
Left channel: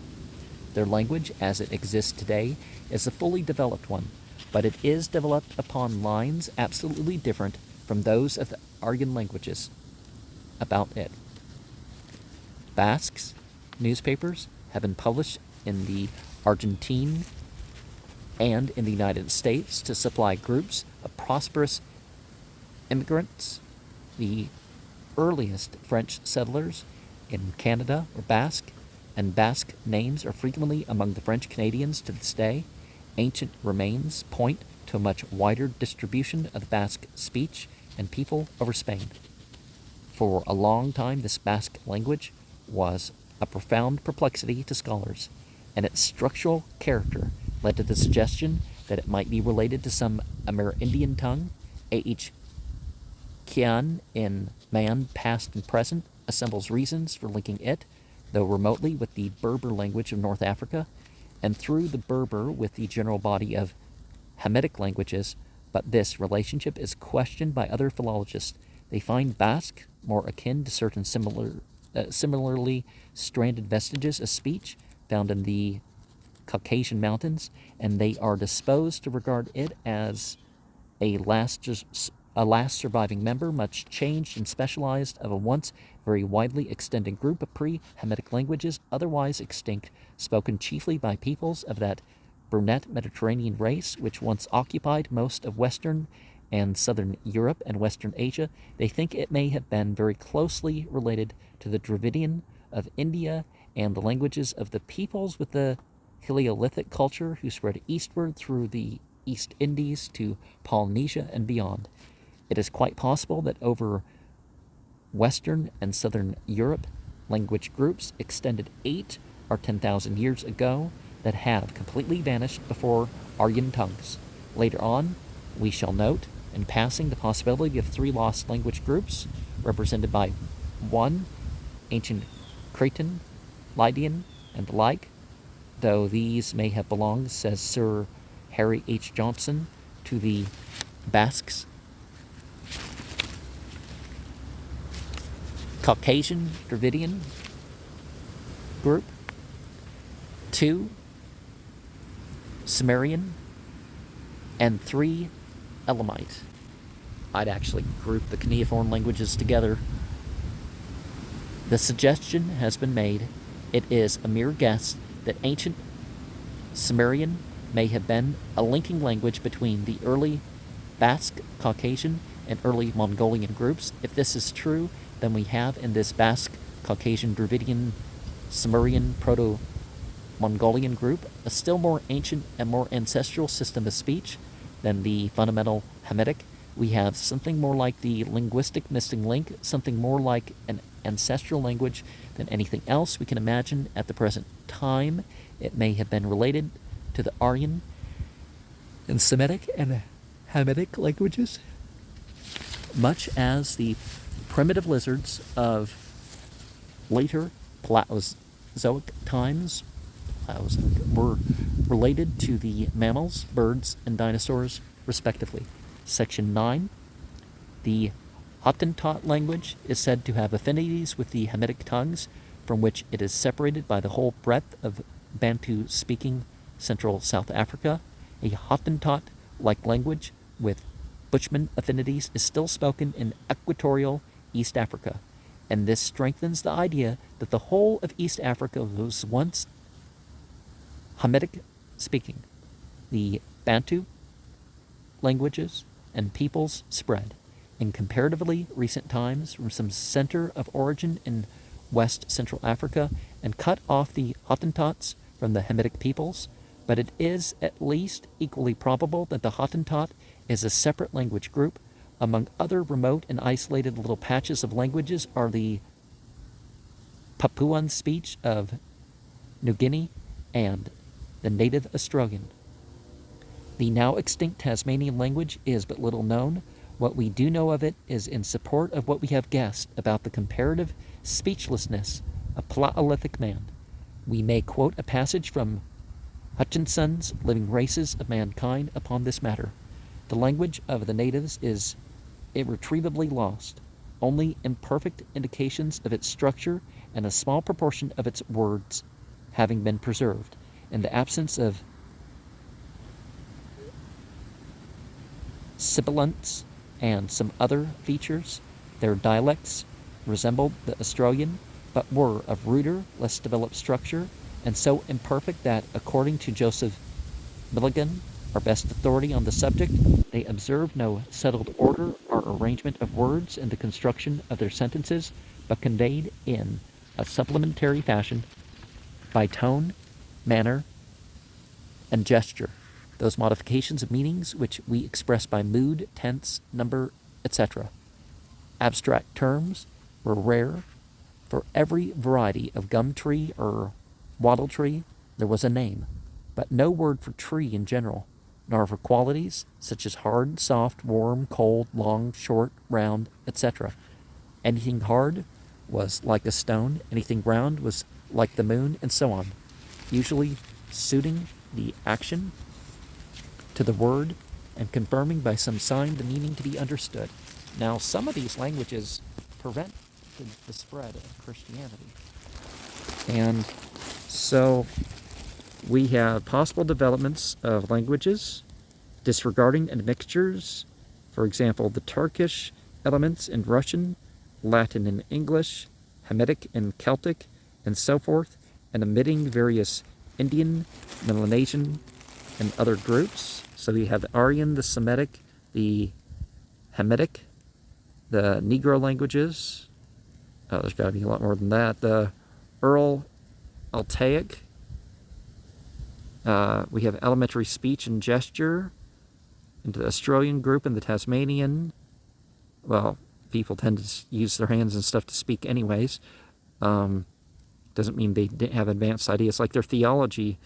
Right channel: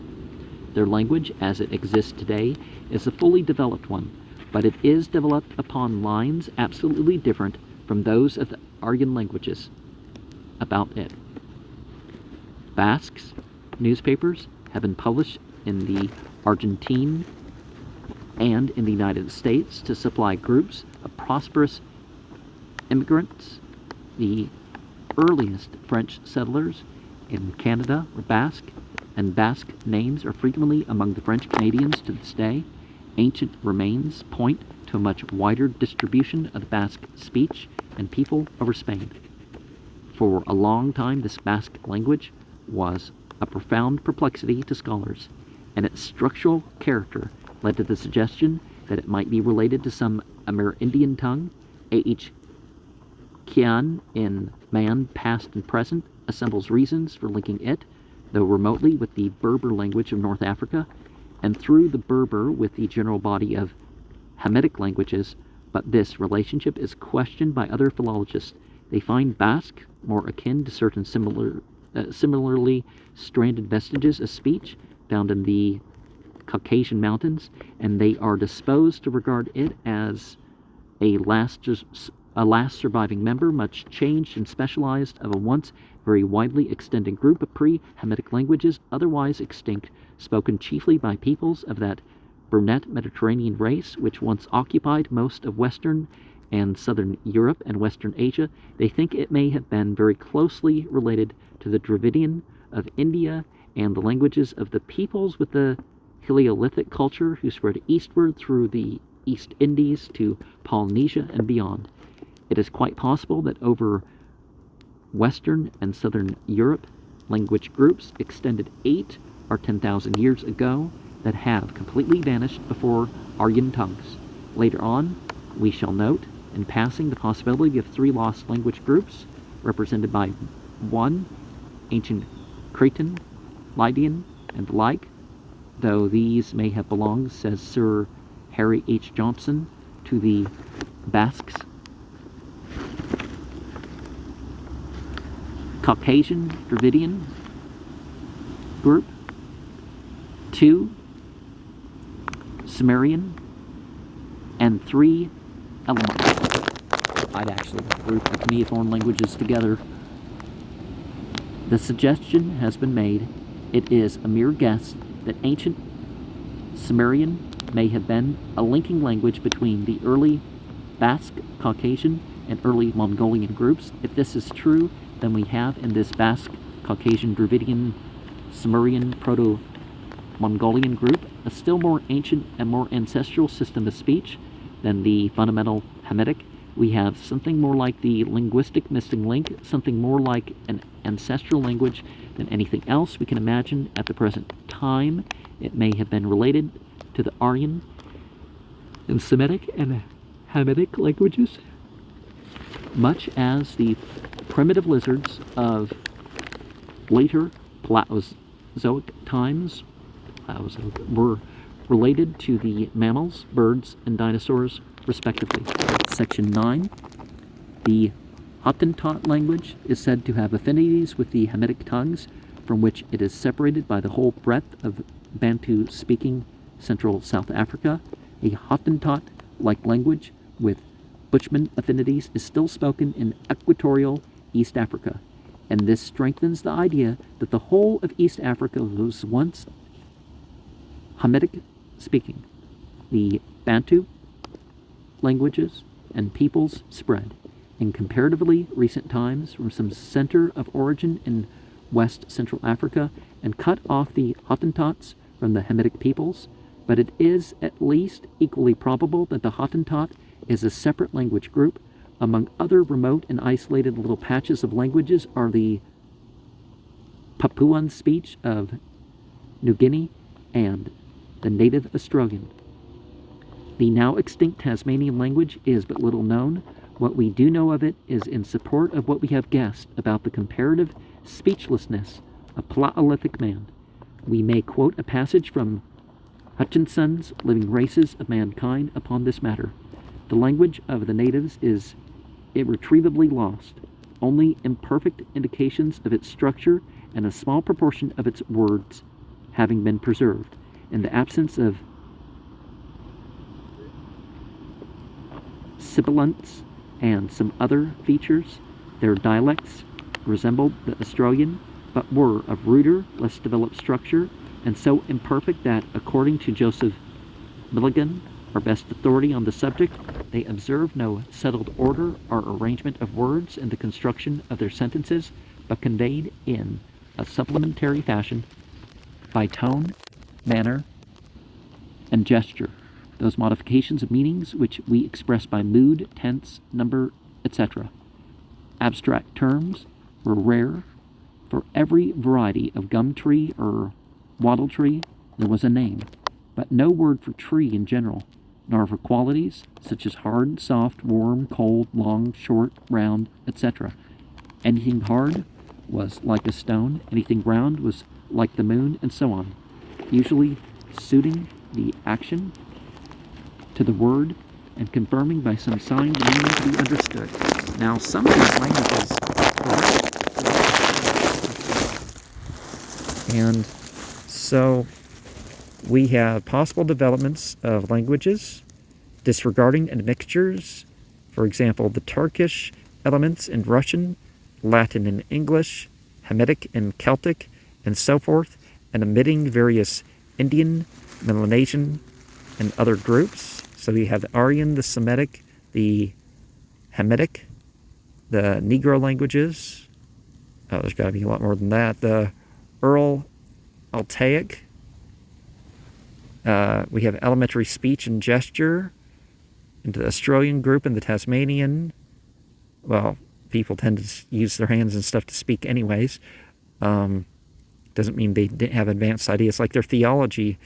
Their language, as it exists today, is a fully developed one, but it is developed upon lines absolutely different from those of the Aryan languages about it. Basques newspapers have been published in the Argentine and in the United States to supply groups of prosperous immigrants. The earliest French settlers in Canada were Basque, and Basque names are frequently among the French Canadians to this day. Ancient remains point to a much wider distribution of the Basque speech and people over Spain. For a long time, this Basque language was a profound perplexity to scholars, and its structural character led to the suggestion that it might be related to some Amerindian tongue. A.H. Kian in Man, Past and Present assembles reasons for linking it, though remotely, with the Berber language of North Africa, and through the Berber with the general body of Hamitic languages, but this relationship is questioned by other philologists. They find Basque more akin to certain similarly stranded vestiges of speech found in the Caucasian mountains, and they are disposed to regard it as a last surviving member, much changed and specialized, of a once very widely extended group of pre-Hamitic languages, otherwise extinct, spoken chiefly by peoples of that brunette Mediterranean race which once occupied most of Western and Southern Europe and Western Asia. They think it may have been very closely related to the Dravidian of India and the languages of the peoples with the Paleolithic culture who spread eastward through the East Indies to Polynesia and beyond. It is quite possible that over Western and Southern Europe, language groups extended 8 or 10,000 years ago that have completely vanished before Aryan tongues. Later on, we shall note, in passing, the possibility of 3 lost language groups, represented by 1 ancient Cretan, Lydian, and the like, though these may have belonged, says Sir Harry H. Johnson, to the Basques. Caucasian Dravidian group, 2 Sumerian, and 3 Elamites. I'd actually group the cuneiform languages together. The suggestion has been made, it is a mere guess, that ancient Sumerian may have been a linking language between the early Basque, Caucasian, and early Mongolian groups. If this is true, then we have in this Basque, Caucasian, Dravidian, Sumerian, Proto-Mongolian group a still more ancient and more ancestral system of speech than the fundamental Hamitic. We have something more like the linguistic missing link, something more like an ancestral language than anything else we can imagine at the present time. It may have been related to the Aryan and Semitic and Hamitic languages, much as the primitive lizards of later Paleozoic times were related to the mammals, birds, and dinosaurs, respectively. Section 9. The Hottentot language is said to have affinities with the Hamitic tongues, from which it is separated by the whole breadth of Bantu-speaking Central South Africa. A Hottentot-like language with Bushman affinities is still spoken in equatorial East Africa, and this strengthens the idea that the whole of East Africa was once Hamitic speaking. The Bantu languages and peoples spread in comparatively recent times from some center of origin in West Central Africa and cut off the Hottentots from the Hamitic peoples, but it is at least equally probable that the Hottentot is a separate language group. Among other remote and isolated little patches of languages are the Papuan speech of New Guinea and the native Australian. The now extinct Tasmanian language is but little known. What we do know of it is in support of what we have guessed about the comparative speechlessness of Paleolithic man. We may quote a passage from Hutchinson's Living Races of Mankind upon this matter. The language of the natives is irretrievably lost. Only imperfect indications of its structure and a small proportion of its words having been preserved. In the absence of sibilants and some other features, their dialects resembled the Australian, but were of ruder, less developed structure, and so imperfect that, according to Joseph Milligan, our best authority on the subject, they observe no settled order or arrangement of words in the construction of their sentences, but conveyed in a supplementary fashion by tone, manner, and gesture, those modifications of meanings which we express by mood, tense, number, etc. Abstract terms were rare. For every variety of gum tree or wattle tree there was a name, but no word for tree in general, nor for qualities such as hard, soft, warm, cold, long, short, round, etc. Anything hard was like a stone, anything round was like the moon, and so on, usually suiting the action to the word and confirming by some signed meaning to be understood. Now, some of these languages and so we have possible developments of languages disregarding admixtures. For example, the Turkish elements in Russian, Latin in English, Hamitic in Celtic, and so forth, and omitting various Indian, Melanesian, and other groups. So we have the Aryan, the Semitic, the Hamitic, the Negro languages. Oh, there's got to be a lot more than that. The Ural Altaic. We have elementary speech and gesture into the Australian group and the Tasmanian. Well, people tend to use their hands and stuff to speak anyways. Doesn't mean they didn't have advanced ideas. Like their theology,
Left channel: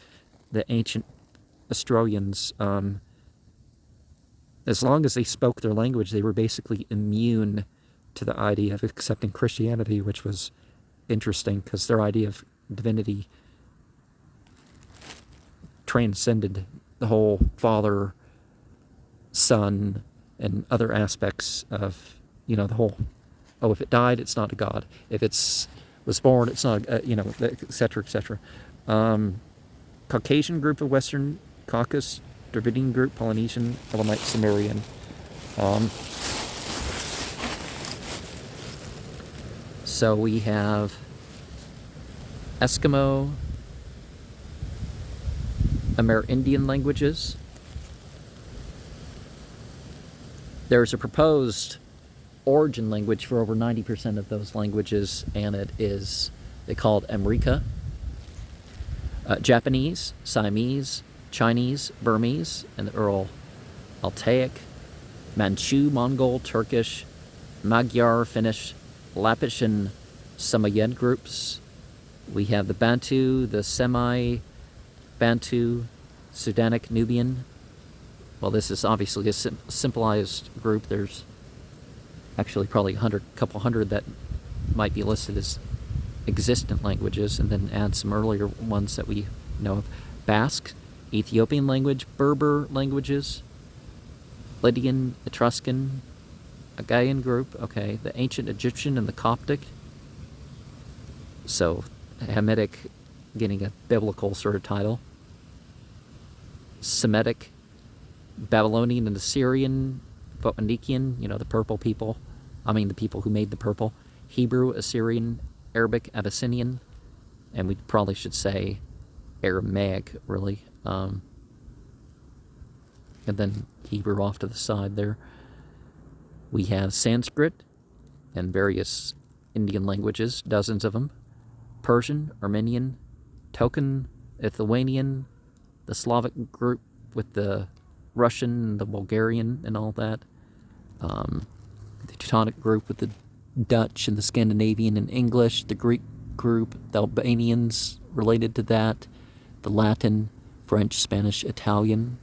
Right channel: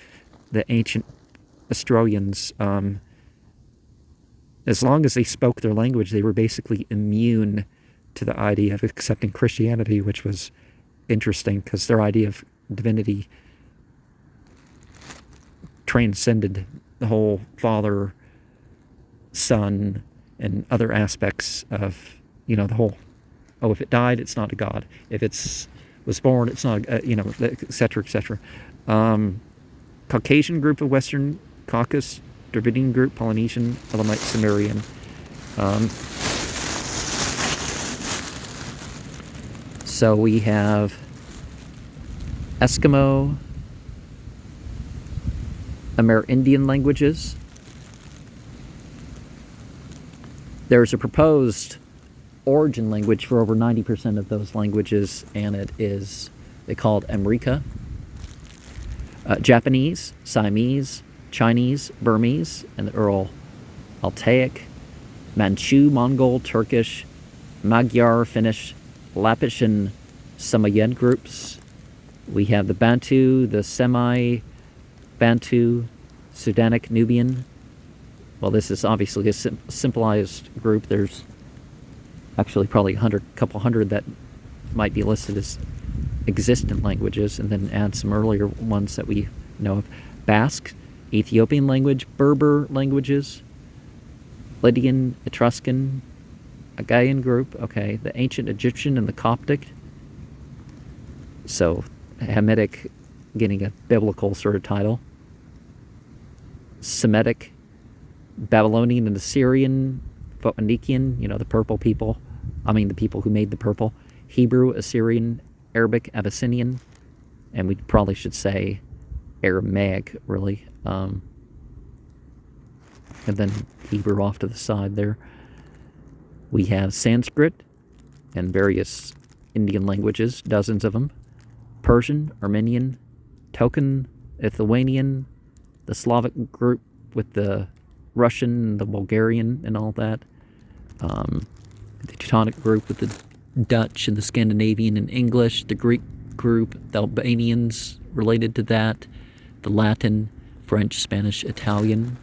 the ancient Australians, as long as they spoke their language, they were basically immune to the idea of accepting Christianity, which was interesting because their idea of divinity transcended the whole Father, Son, and other aspects of, the whole, if it died, it's not a God. If it's was born, it's not, et cetera, et cetera. Caucasian group of Western Caucasus, Dravidian group, Polynesian, Elamite, Sumerian. So we have Eskimo, Amerindian languages. There's a proposed origin language for over 90% of those languages, and they call it Amrika. Japanese, Siamese, Chinese, Burmese, and the Ural Altaic, Manchu, Mongol, Turkish, Magyar, Finnish, Lappish, and Samoyed groups. We have the Bantu, the Semi-Bantu, Sudanic, Nubian. Well, this is obviously a simplified group. There's actually probably a couple hundred that might be listed as existent languages, and then add some earlier ones that we know of. Basque, Ethiopian language, Berber languages, Lydian, Etruscan, Agaean group, okay, the ancient Egyptian and the Coptic. So Hamitic getting a biblical sort of title. Semitic, Babylonian and Assyrian, Phoenician, the purple people. The people who made the purple. Hebrew, Assyrian, Arabic, Abyssinian, and we probably should say Aramaic, really. And then Hebrew off to the side there. We have Sanskrit and various Indian languages, dozens of them. Persian, Armenian, Token, Lithuanian, the Slavic group with the Russian, the Bulgarian, and all that. The Teutonic group with the Dutch and the Scandinavian and English. The Greek group, the Albanians related to that. The Latin, French, Spanish, Italian.